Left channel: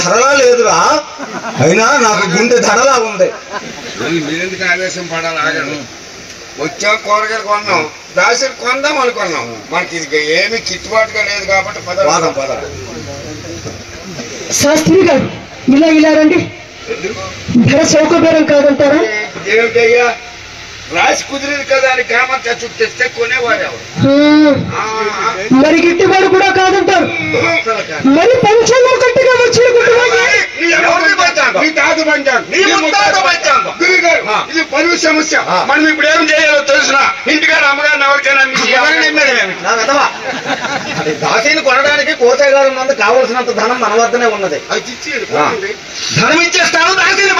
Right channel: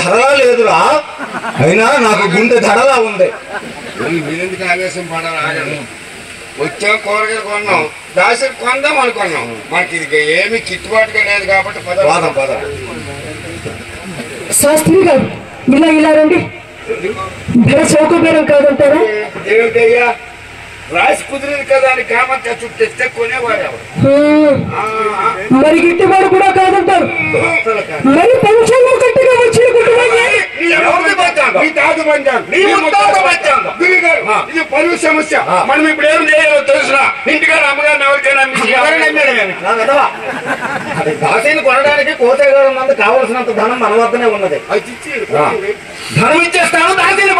ధరలా లేదురా, అయినా నాకు గుండె ధరలా ఉంది. మీరెందుకు ఆవేశం పడాలి? ఆగండి. వచ్చాం, కూరగాయలు కొన్నాం, దాసి కొందాం అనుకున్నాం. మనకి ఇది ఏమి గిట్టుబాటుగా లేదు కాబట్టి పదం పద. శాస్త్రి గారు ఇలా రండి. ధర చౌకబేరం కాదంటారా? ఏమిటయ్యా, రాసి కుదిరేది కదా అని గ్రామంతా చుట్టేస్తే కొనేవారు. మరి గిట్టుబాటు కూడా కాదంటారు. మరి పంచాంగం కట్టుగా వచ్చిన ఇది పరువు సమస్య. మనం ఇప్పుడు ఏం చేయాలో తెలుసునా? ఇంటికాడ అమ్మగారిని ఎవరికైనా దాసిని కొనడానికి కోతగారు మంది కావలసినంత ధనం మన వద్దనే ఉన్నది. అది ఇచ్చి ధనం ఇచ్చేస్తాను, దాసిని